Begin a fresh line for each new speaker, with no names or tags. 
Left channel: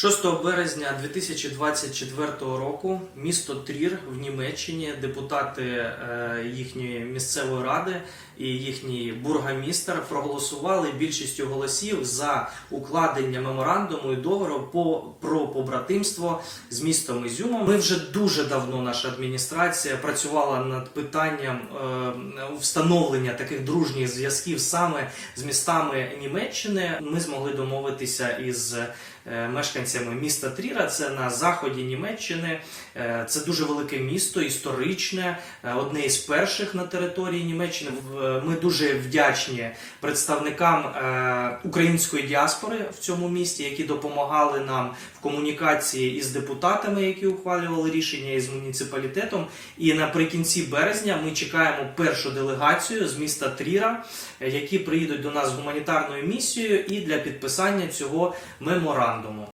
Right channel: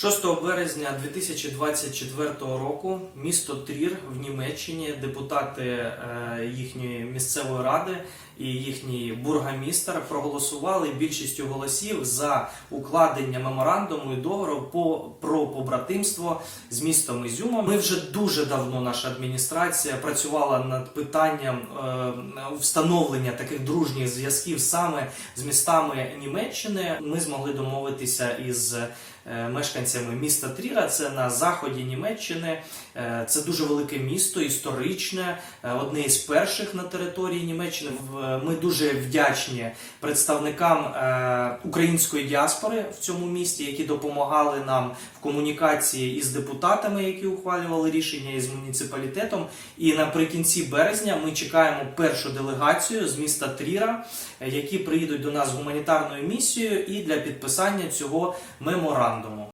6 березня 2024 року місто Трір в Німеччині депутати е, їхньої місцевої ради і їхній бургомістр проголосували більшістю голосів за укладення меморандуму і договору по про побратимство з містом Ізюмом. Ми вже дуже давно наша адміністрація працювала над питанням е, встановлення таких дружніх зв'язків саме з містами Німеччини. Ми змогли домовитися із мешканцями міста Тріра. Це на заході Німеччини. Е, Це дуже велике місто, історичне, е, одне із перших на території Німеччини. Ми дуже вдячні представникам е, української діаспори в цьому місті, які допомагали нам в комунікації із депутатами, які ухвалювали рішення із муніципалітетом. І наприкінці березня ми чекаємо першу делегацію з міста Тріра, е, які приїдуть до нас з гуманітарною місією і для підписання цього меморандуму. ンドも。